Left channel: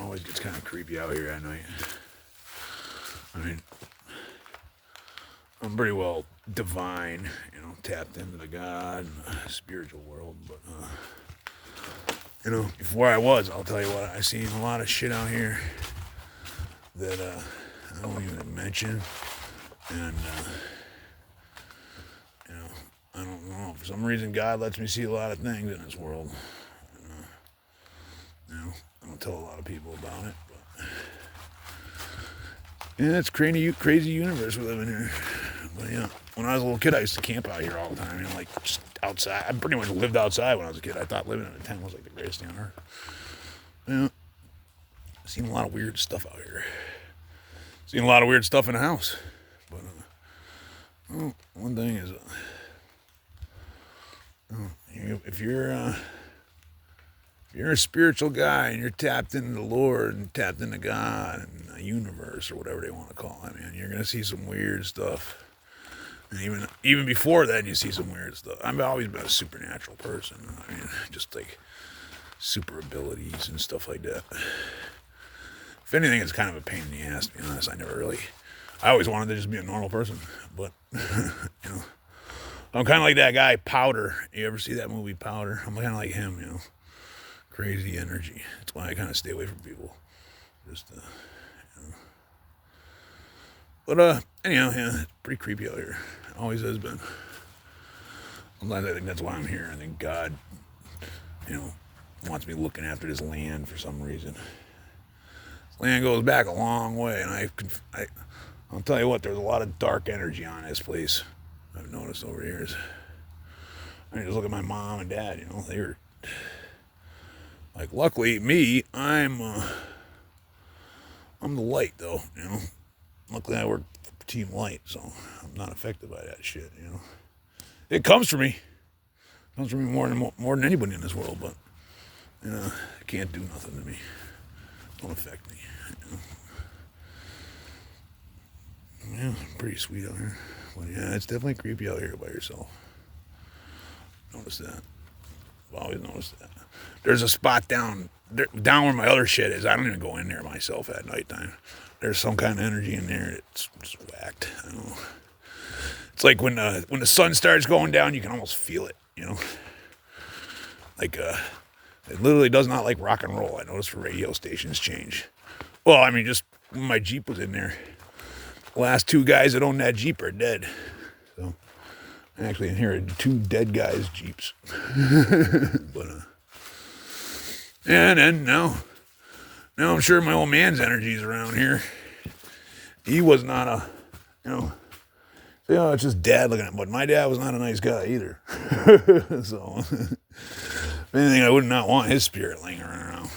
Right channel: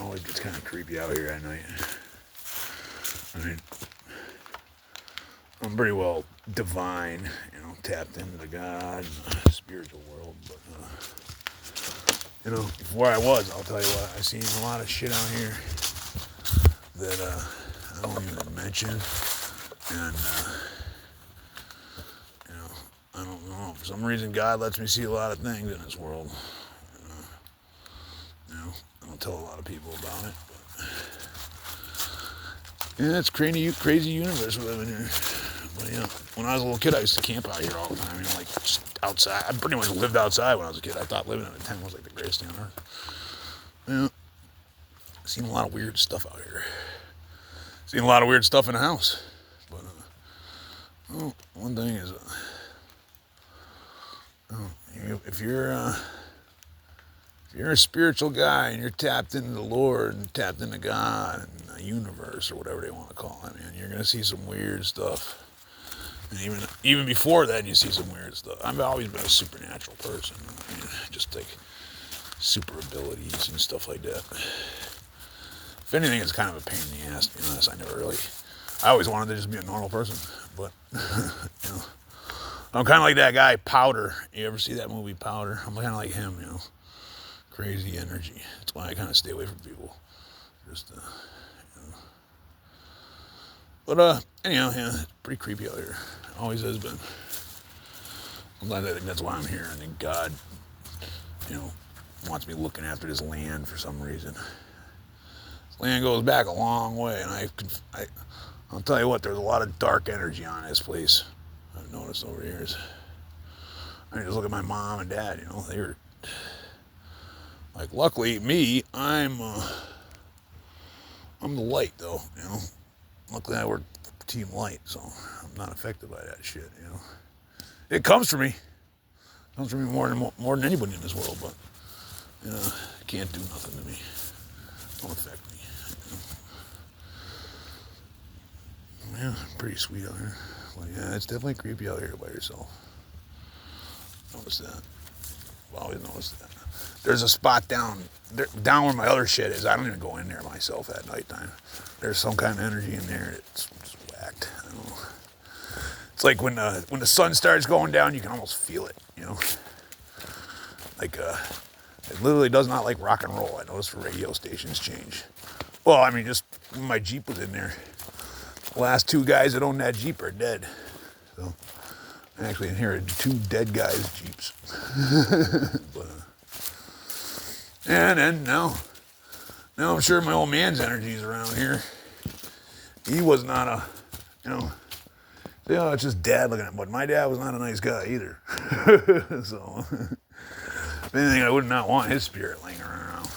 always gets kind of creepy out here at night. I mean, I'm pretty well divine, tapped into the God and spiritual world. But, before I was, I'll tell you what, I seen a lot of shit out here that I don't even mention. And, I don't know. For some reason, God lets me see a lot of things in this world. I don't tell a lot of people about it. But, yeah, it's crazy universe we live in here. But, when I was a little kid, I used to camp out here all the time. Like, just outside. I pretty much lived outside when I was a kid. I thought living in a tent was like the greatest thing on earth. Seen a lot of weird stuff out here. Seen a lot of weird stuff in the house. But, one thing is, if you're a spiritual guy and you're tapped into the Lord and tapped into God and the universe or whatever they want to call it, man, you're gonna see some weird stuff. And even before that, you see some weird stuff. I've always been a supernatural person. I mean, just like super abilities and stuff like that. If anything, it's kind of a pain in the ass, to be honest. I always wanted to just be a normal person, but I'm kind of like that guy Powder. You ever see that movie Powder? I'm kind of like him, crazy energy. That's why I kind of stay away from people. Just, But anyhow, it's pretty creepy out here. Always has been. Sometimes I think that's why I'm here. I think God, wants me looking after this land for some reason. This land goes back a long way, and I'll tell you what, there's a lot of dark energy on this place. I've noticed over the years. I mean, just look at my mom and dad. They were like, luckily me, I'm the light though. Luckily I work for Team Light, so I'm not affected by that shit. It comes for me. It comes for me more than anybody in this world, but it can't do nothing to me. It don't affect me. Yeah, pretty sweet out here. But yeah, it's definitely creepy out here by yourself. Notice that. I've always noticed that. There's a spot down where my other shit is. I don't even go in there myself at nighttime. There's some kind of energy in there. It's just whacked. I don't know. It's like when the sun starts going down, you can almost feel it. Like it literally does not like rock and roll. I noticed radio stations change. Well, I mean, just when my Jeep was in there. The last two guys that owned that Jeep are dead. So I actually inherited two dead guys' Jeeps. But and then now I'm sure my old man's energy's around here. He was not it's just dad looking at him. But my dad was not a nice guy either. So if anything, I would not want his spirit lingering around.